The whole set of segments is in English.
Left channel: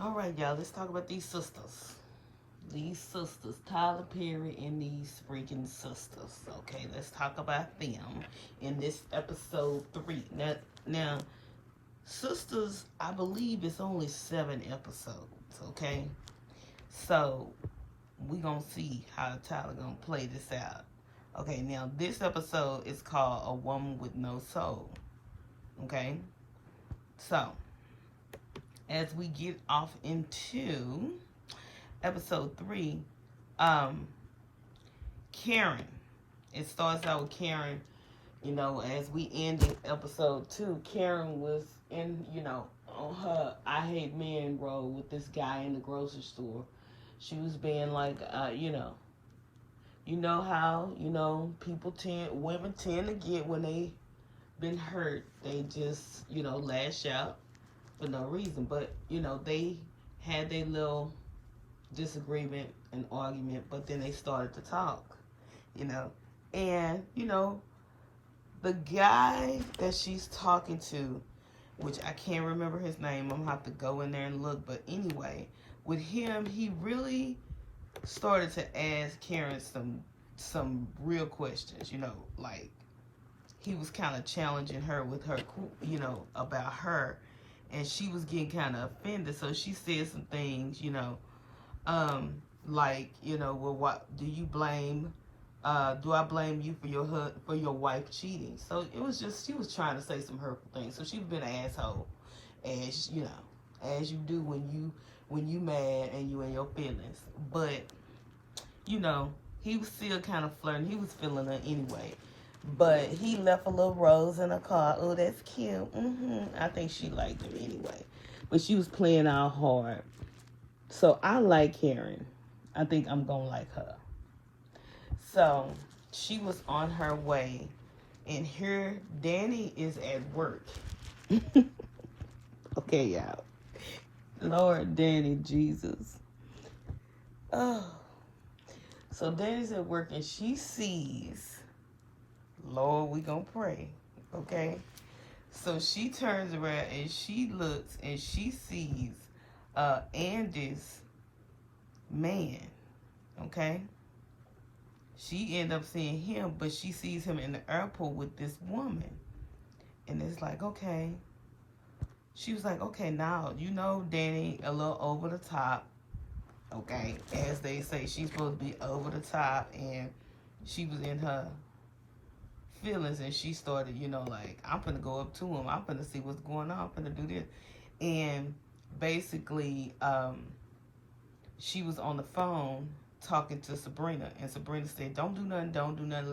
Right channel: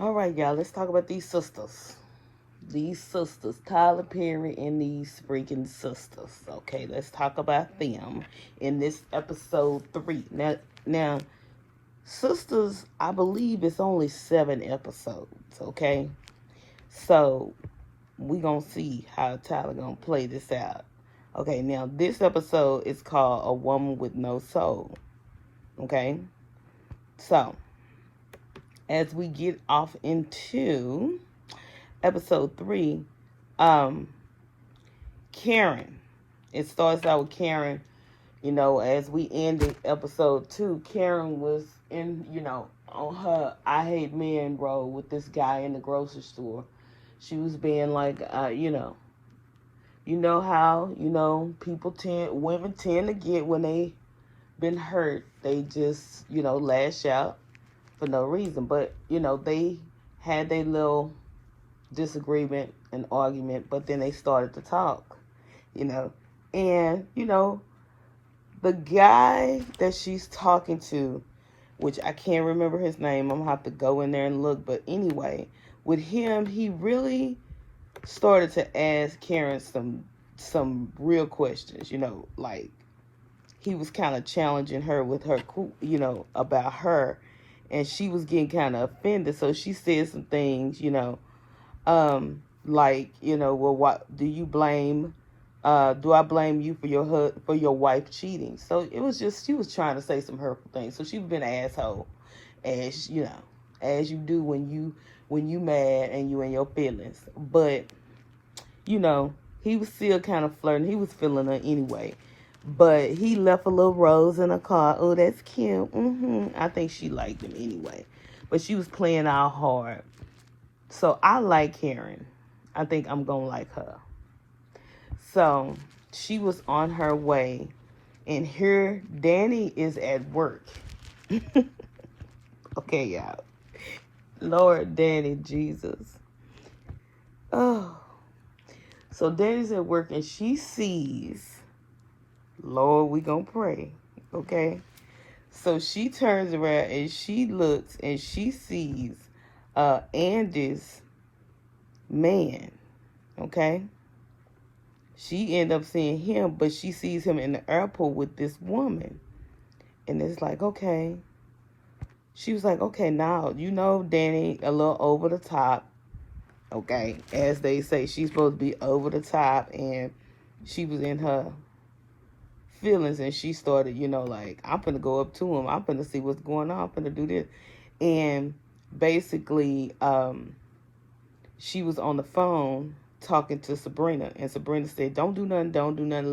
All right, y'all, let's talk about these sisters. These sisters, Tyler Perry and these freaking sisters. Okay, let's talk about them in this episode 3. Now, sisters, I believe it's only 7 episodes. Okay, so we gonna see how Tyler gonna play this out. Okay, now this episode is called "A Woman with No Soul." Okay, so as we get off into episode 3, um, Karen. It starts out with Karen. As we ended episode 2, Karen was in, on her I hate men role with this guy in the grocery store. She was being like, how, women tend to get when they been hurt. They just, lash out for no reason. But, they had their little disagreement and argument, but then they started to talk, you know. And, the guy that she's talking to, which I can't remember his name, I'm gonna have to go in there and look. But anyway, with him, he really started to ask Karen some real questions, like he was kind of challenging her with her, about her, and she was getting kind of offended. So she said some things, like, well, what do you blame? Do I blame you for for your wife cheating? So it was just, she was trying to say some hurtful things. So she was being an asshole, as as you do when you mad and you in your feelings. But he was still kind of flirting. He was feeling her anyway. But he left a little rose in her car. Oh, that's cute. I think she liked him anyway. But she was playing out hard. So I like Karen. I think I'm going to like her. So she was on her way. And here Danny is at work. Okay, y'all. Lord, Danny, Jesus. Oh. So Danny's at work and she sees, Lord, we gonna pray. Okay? So she turns around and she looks and she sees Andy's man. Okay? She end up seeing him, but she sees him in the airport with this woman. And it's like, okay. She was like, okay, now, Danny a little over the top. Okay? As they say, she's supposed to be over the top. And she was in her feelings and she started, like, I'm finna go up to him. I'm finna see what's going on. I'm finna do this. And basically, she was on the phone talking to Sabrina, and Sabrina said, don't do nothing,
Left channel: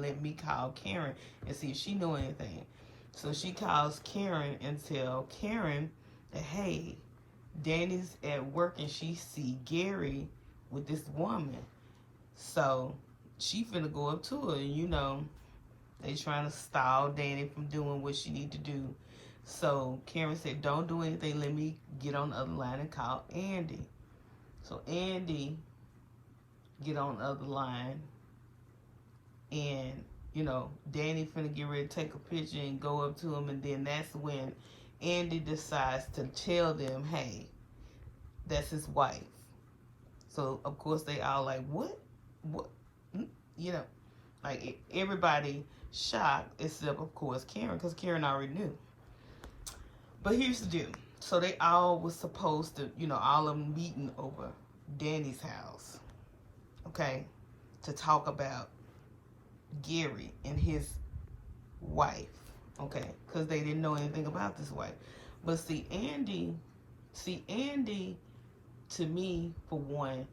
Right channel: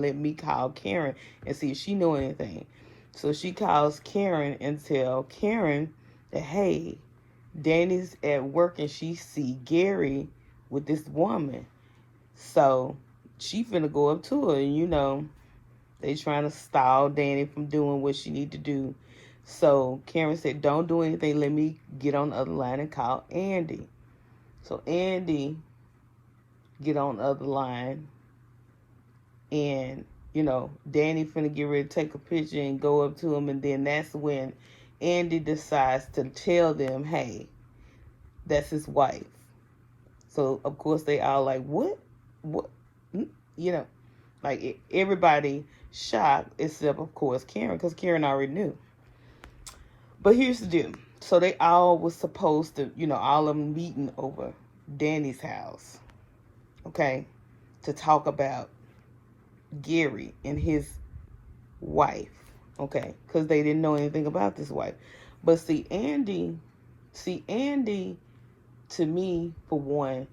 let me call Karen and see if she know anything. So she calls Karen and tell Karen that, hey, Danny's at work and she see Gary with this woman. So she finna go up to her, and they trying to stall Danny from doing what she need to do. So Karen said, don't do anything, let me get on the other line and call Andy. So Andy get on the other line, and Danny finna get ready to take a picture and go up to him, and then that's when Andy decides to tell them, hey, that's his wife. So of course they all like, what like everybody shocked except of course Karen, because Karen already knew. But here's the deal. So they all was supposed to, all of them meeting over Danny's house, okay, to talk about Gary and his wife, okay, because they didn't know anything about this wife. But Andy, to me, for one,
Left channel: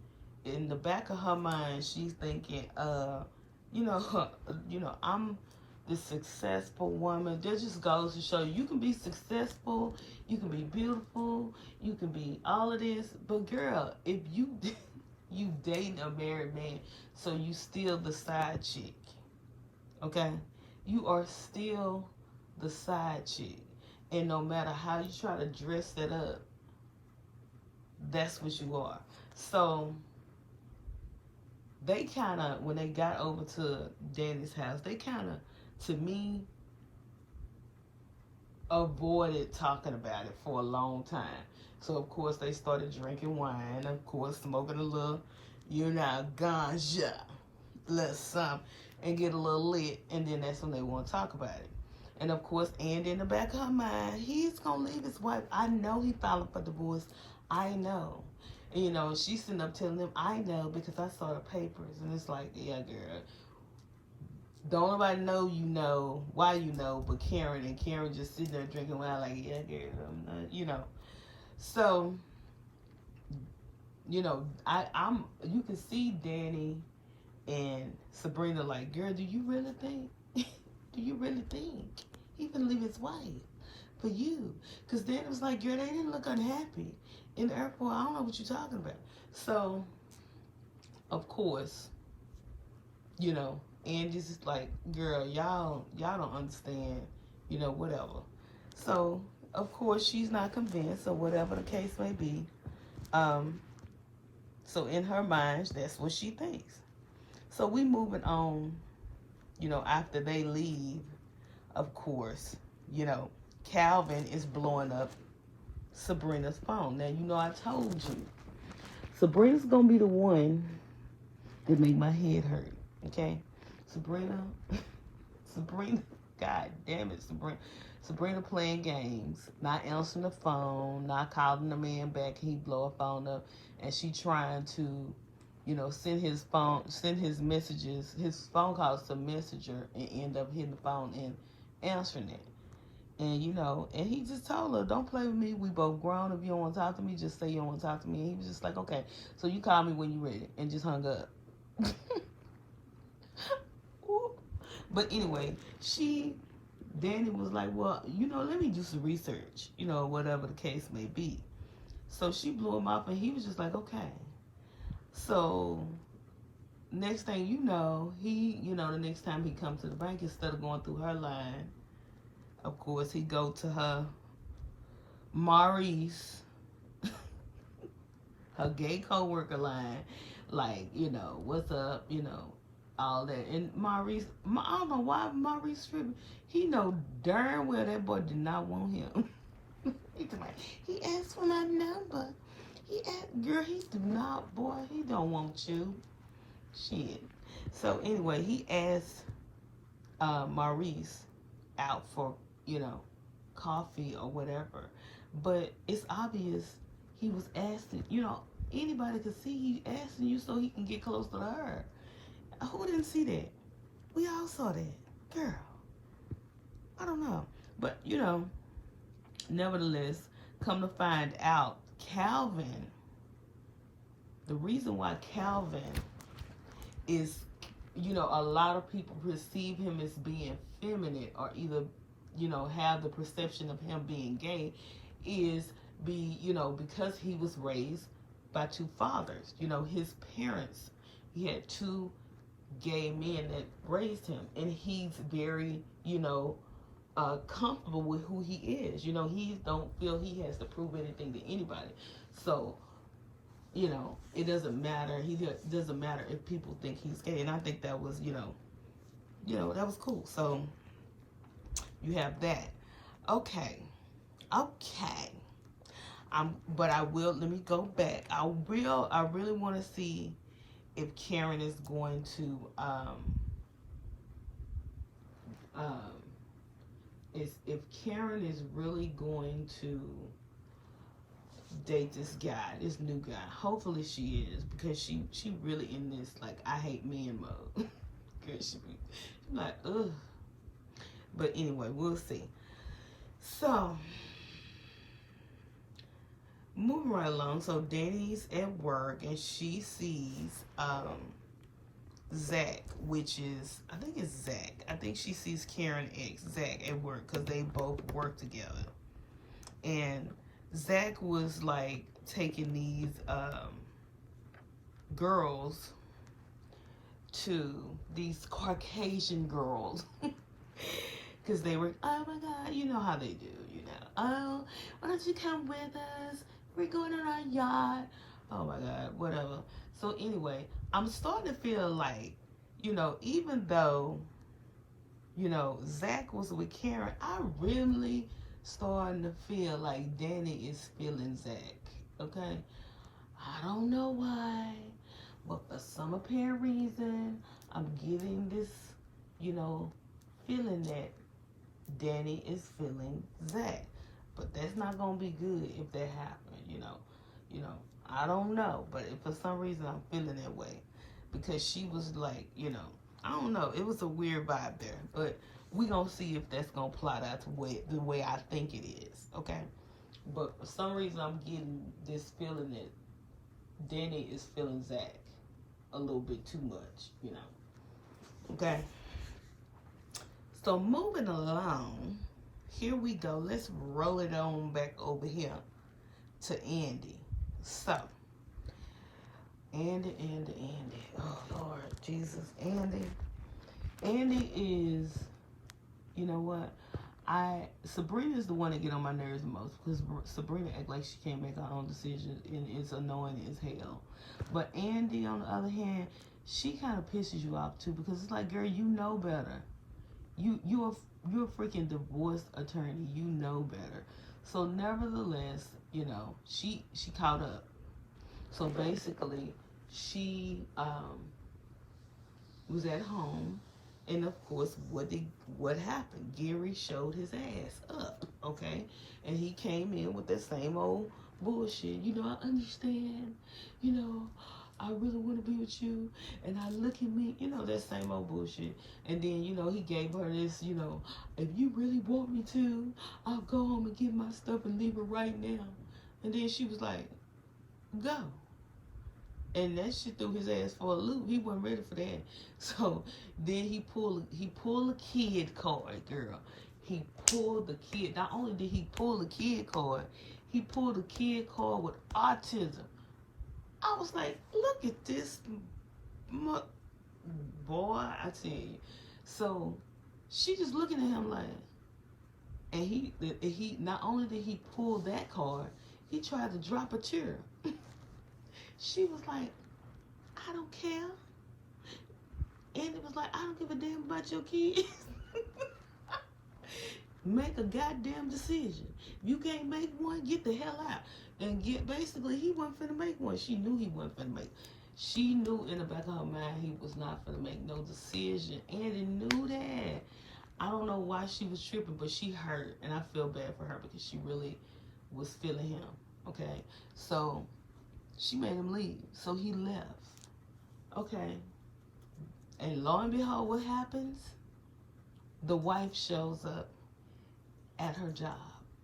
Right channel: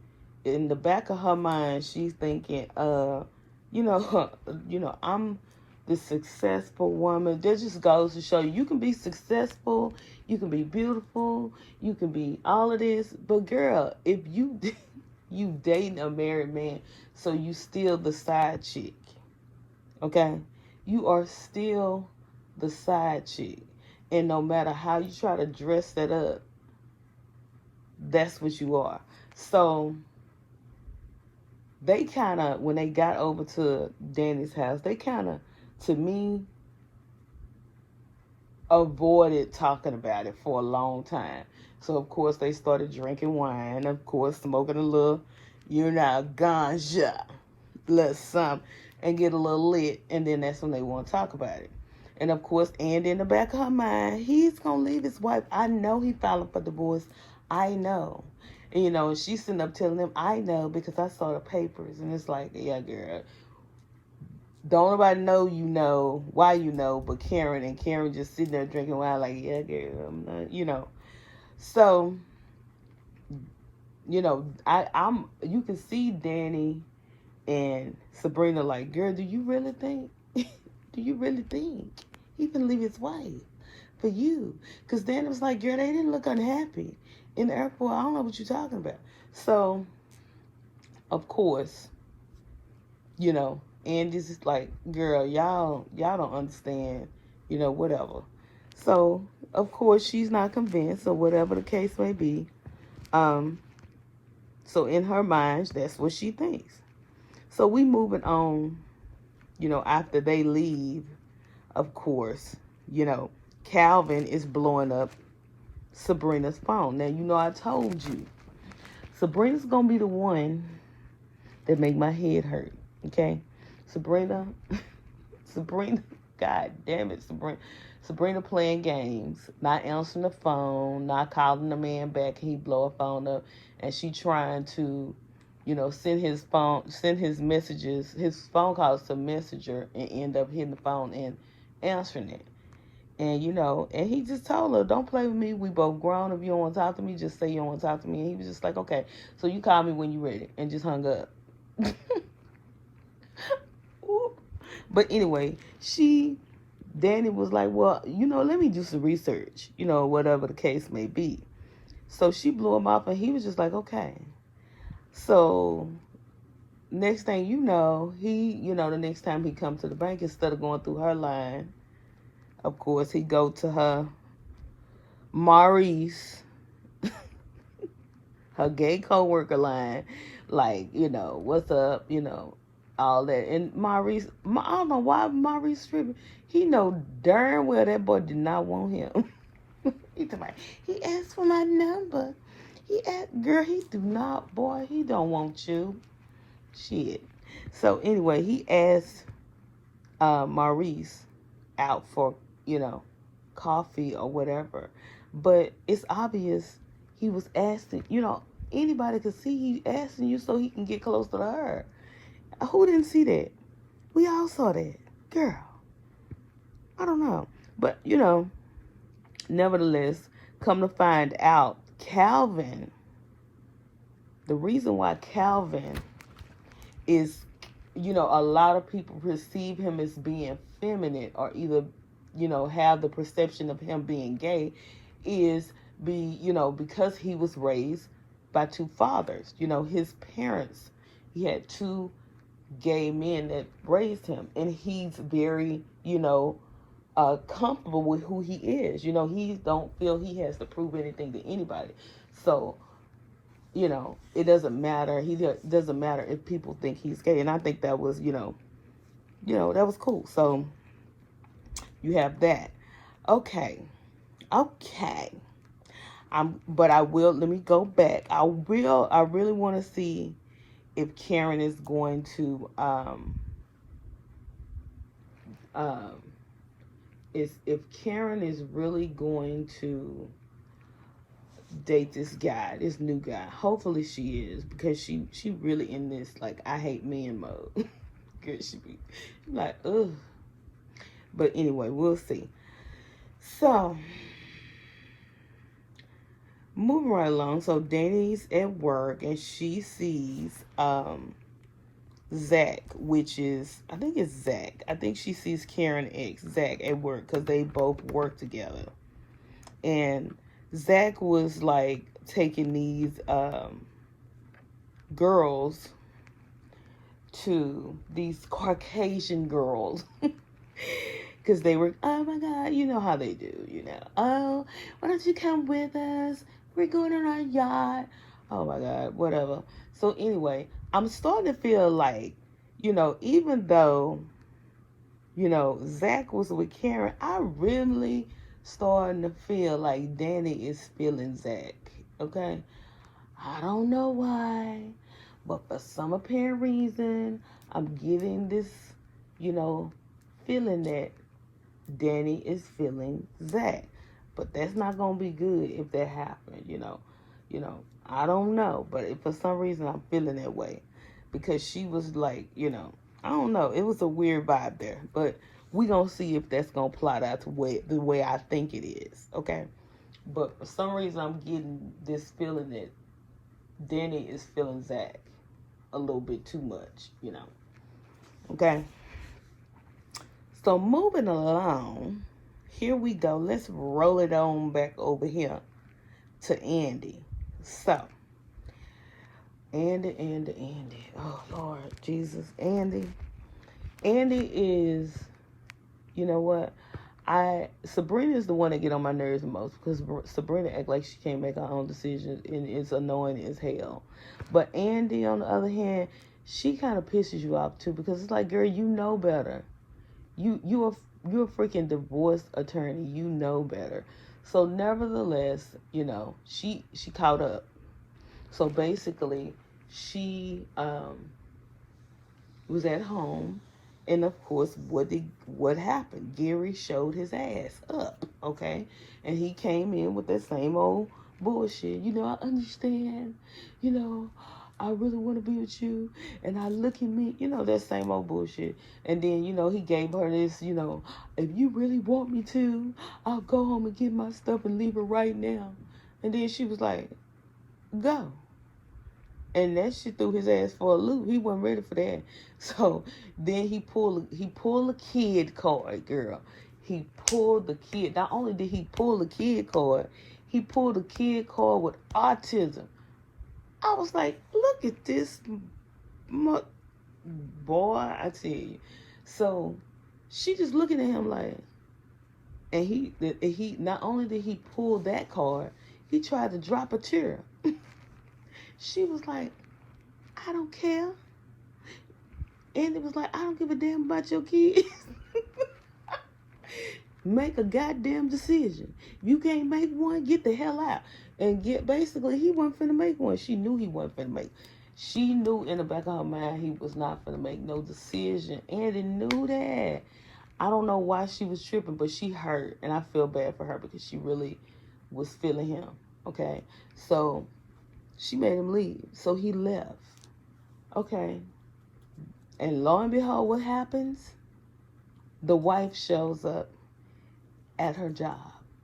in the back of her mind, she's thinking, you know, I'm the successful woman. That just goes to show you can be successful, you can be beautiful, you can be all of this, but girl, if you dating a married man, so you still the side chick, okay? You are still the side chick, and no matter how you try to dress that up, that's what you are. So they kind of, when they got over to Danny's house, they kind of, to me, avoided talking about it for a long time. So, of course, they started drinking wine, of course, smoking a little, ganja, little something, and get a little lit, and then that's when they want to talk about it. And, of course, and in the back of her mind, he's going to leave his wife. I know he filing for divorce. I know. And, she's sitting up telling him, I know because I saw the papers. And it's like, yeah, girl. Don't nobody know why but Karen, and Karen just sitting there drinking wine like, yeah, girl, I'm not, So, I'm you can see Danny and Sabrina like, girl, do you really think he can leave his wife for you? Because Danny was like, girl, they didn't look unhappy in the airport. I don't know what you're talking about. So, of course, and this is like, girl, y'all don't understand, whatever. So, of course, she's not convinced, or whatever the case may be. So in her mind, that's what she thinks. So we moving on, after they leave, of course, Calvin is blowing up Sabrina's phone. Now, I told you, Sabrina's going to be the one that make my head hurt, okay? Sabrina, God damn it, Sabrina playing games, not answering the phone, not calling the man back. He blow her phone up, and she trying to, send his messages, his phone calls to Messenger, and end up hitting the phone and answering it. And, and he just told her, don't play with me. We both grown. If you don't want to talk to me, just say you don't want to talk to me. And he was just like, okay, so you call me when you're ready, and just hung up. But anyway, Danny was like, well, let me do some research, whatever the case may be. So she blew him off, and he was just like, okay. So next thing you know, the next time he come to the bank, instead of going through her line, of course, he go to her Maurice, her gay coworker line, like, what's up, all that. And Maurice, I don't know why Maurice tripping. He know darn well that boy did not want him. He asked for my number. Girl, he do not, boy, he don't want you. Shit. So anyway, he asked Maurice out for, coffee or whatever. But it's obvious he was asking, anybody could see he asking you so he can get closer to her. Who didn't see that? We all saw that. Girl, I don't know. But, nevertheless, come to find out, Calvin, the reason why Calvin is, a lot of people perceive him as being feminine, or either, have the perception of him being gay, is because he was raised by two fathers. His parents, he had two gay men that raised him, and he's very, comfortable with who he is. He don't feel he has to prove anything to anybody. So, it doesn't matter. It doesn't matter if people think he's gay. And I think that was, that was cool. So you have that. Okay. But let me go back. I really want to see if Karen is going to, if Karen is really going to date this new guy. Hopefully she is, because she really in this, like, I hate men mode. Girl, she be like, ugh. But anyway, we'll see. So, moving right along. So Danny's at work, and she sees Zach, which is, I think it's Zach. I think she sees Karen X, Zach, at work, because they both work together. And Zach was like taking these girls to these Caucasian girls, because they were, oh my God, you know how they do, oh, why don't you come with us? We're going on our yacht. Oh my God, whatever. So anyway, I'm starting to feel like, even though, Zach was with Karen, I really starting to feel like Danny is feeling Zach. Okay? I don't know why, but for some apparent reason, I'm getting this, you know, feeling that Danny is feeling Zach. But that's not gonna be good if that happened, you know. I don't know, but if for some reason I'm feeling that way. Because she was like, I don't know. It was a weird vibe there. But we gonna see if that's gonna plot out to the way I think it is. Okay. But for some reason I'm getting this feeling that Danny is feeling Zach a little bit too much. Okay. So moving along, here we go. Let's roll it on back over here to Andy. So, Andy. Oh, Lord Jesus. Andy is, you know what? Sabrina is the one that get on my nerves the most because Sabrina act like she can't make her own decisions and it's annoying as hell. But Andy, on the other hand, she kind of pisses you off too because it's like, girl, you know better. You're a freaking divorce attorney. You know better. So nevertheless, she caught up. So basically, she was at home, and of course, what happened? Gary showed his ass up, okay, and he came in with that same old bullshit. I understand. I really want to be with you, and I look at me, that same old bullshit. And then, he gave her this, if you really want me to, I'll go home and get my stuff and leave it right now. And then she was like, go. And that shit threw his ass for a loop. He wasn't ready for that. So then he pulled a kid card, girl. He pulled the kid. Not only did he pull the kid card, he pulled a kid card with autism. I was like, look at this boy, I tell you. So she just looking at him like, and he not only did he pull that card, he tried to drop a tear. She was like, I don't care. And it was like, I don't give a damn about your kids. Make a goddamn decision. If you can't make one, get the hell out. And basically, he wasn't finna make one. She knew he wasn't finna make. She knew in the back of her mind he was not finna make no decision. And he knew that. I don't know why she was tripping, but she hurt. And I feel bad for her because she really was feeling him. Okay? So, she made him leave. So, he left. Okay? And lo and behold, what happens? The wife shows up at her job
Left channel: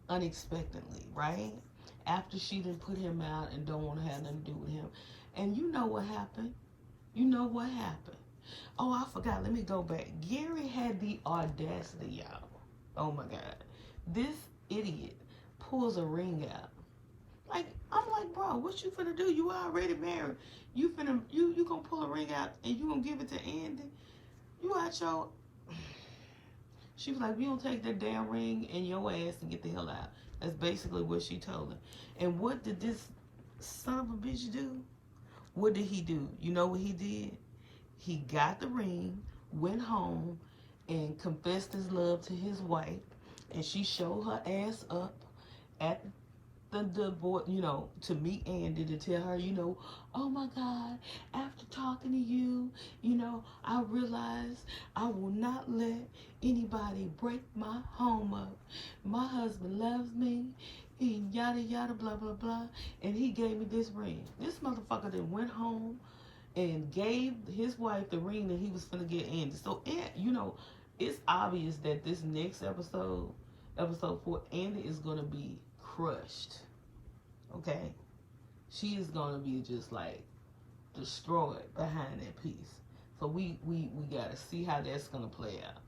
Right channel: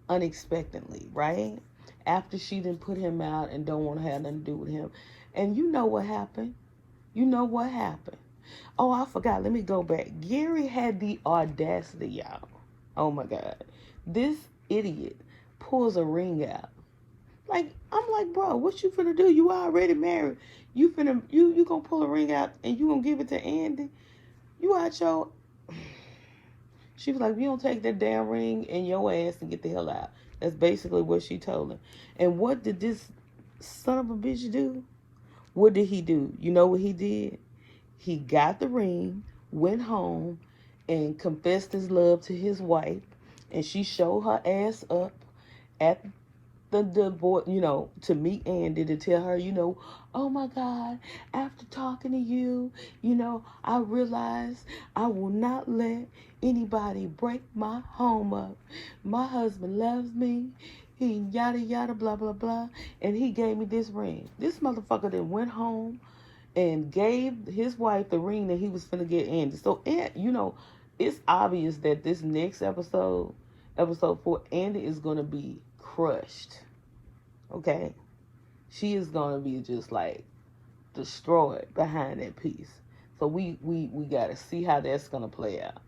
unexpectedly, right? After she didn't put him out and don't want to have nothing to do with him. And you know what happened? Oh, I forgot. Let me go back. Gary had the audacity, y'all. Oh my God. This idiot pulls a ring out. Like, I'm like, bro, what you finna do? You already married. You gonna pull a ring out and you gonna give it to Andy? You out your... She was like, you don't take that damn ring in your ass and get the hell out. That's basically what she told him. And what did this son of a bitch do? What did he do? You know what he did? He got the ring, went home, and confessed his love to his wife. And she showed her ass up at the board, to meet Andy, to tell her, oh my God, after talking to you, I realized I will not let anybody break my home up. My husband loves me. He yada yada blah blah blah, and he gave me this ring. This motherfucker then went home and gave his wife the ring that he was finna get Andy. So, it's obvious that this next episode 4, Andy is gonna be crushed. Okay? She is gonna be just like destroyed behind that piece. So we gotta see how that's gonna play out.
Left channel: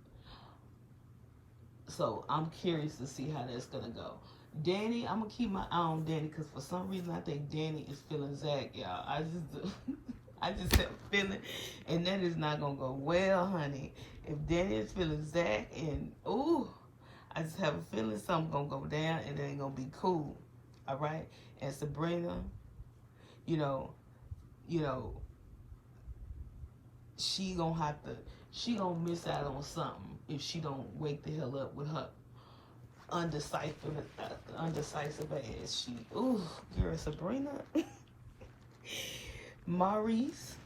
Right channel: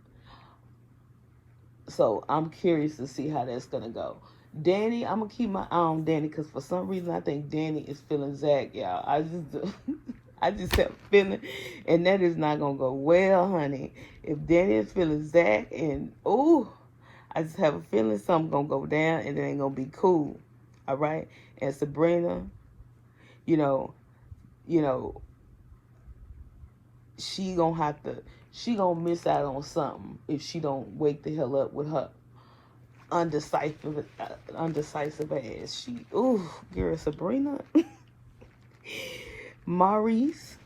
So I'm curious to see how that's gonna go. Danny, I'm gonna keep my eye on Danny because for some reason I think Danny is feeling Zach, y'all. I just have a feeling, and that is not gonna go well, honey. If Danny is feeling Zach, and I just have a feeling something gonna go down, and it ain't gonna be cool. All right, and Sabrina, she gonna miss out on something if she don't wake the hell up with her undecisive ass. Ooh, girl, Sabrina. Maurice,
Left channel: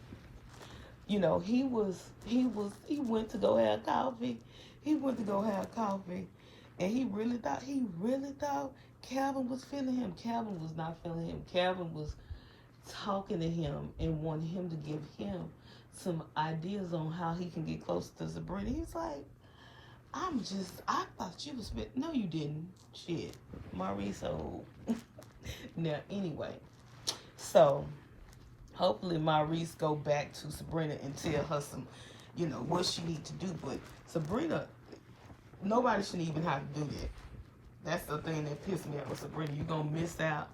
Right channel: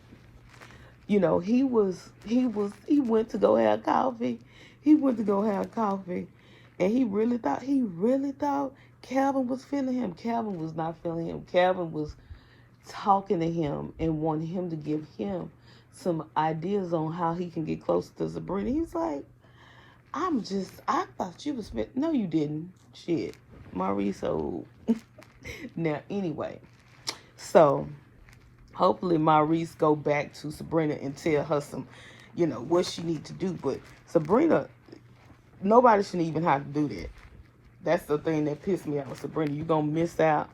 you know, he went to go have coffee. He went to go have coffee, and he really thought Calvin was feeling him. Calvin was not feeling him. Calvin was talking to him and wanting him to give him some ideas on how he can get closer to Sabrina. He's like, I thought you was, no, you didn't. Shit, Maurice old. Now, anyway, so hopefully Maurice go back to Sabrina and tell her some, you know, what she need to do. But Sabrina, nobody shouldn't even have to do that. That's the thing that pissed me off. Sabrina, you gonna miss out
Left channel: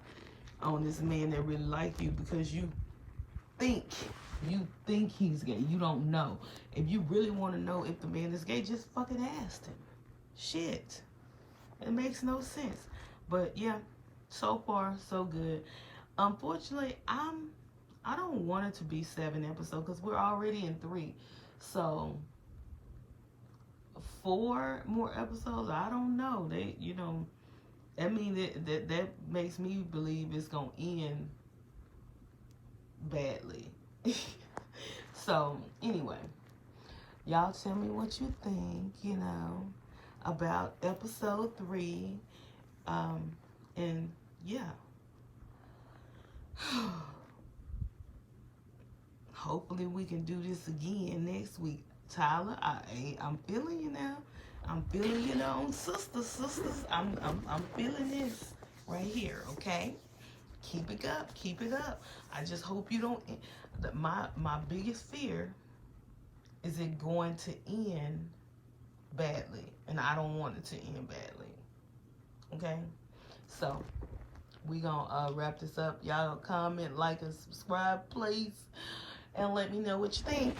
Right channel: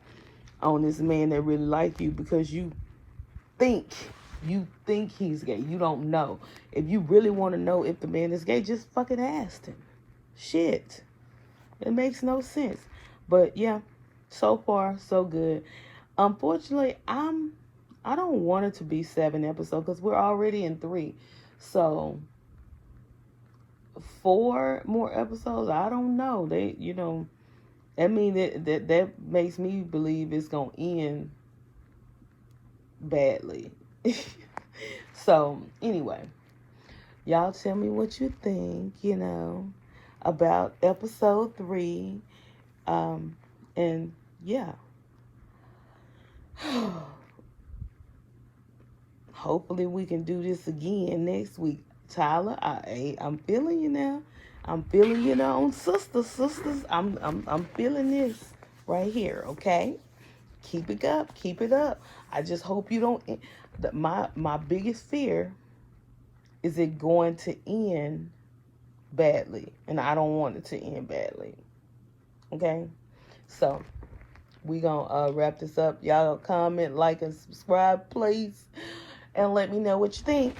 on this man that really like you because you think he's gay. You don't know. If you really want to know if the man is gay, just fucking ask him. Shit. It makes no sense. But yeah, so far so good. Unfortunately, I don't want it to be 7 episodes because we're already in 3. So 4 more episodes, I don't know. They, you know, I mean that makes me believe it's gonna end badly. So anyway, y'all tell me what you think, you know, about episode 3. And yeah. Hopefully we can do this again next week. Tyler, I'm feeling you now. I'm feeling you now, sisters. I'm feeling this right here. Okay, keep it up, keep it up. I just hope you don't. My biggest fear is it going to end badly, and I don't want it to end badly. Okay, so we gonna wrap this up. Y'all comment, like, and subscribe, please, and let me know what you think.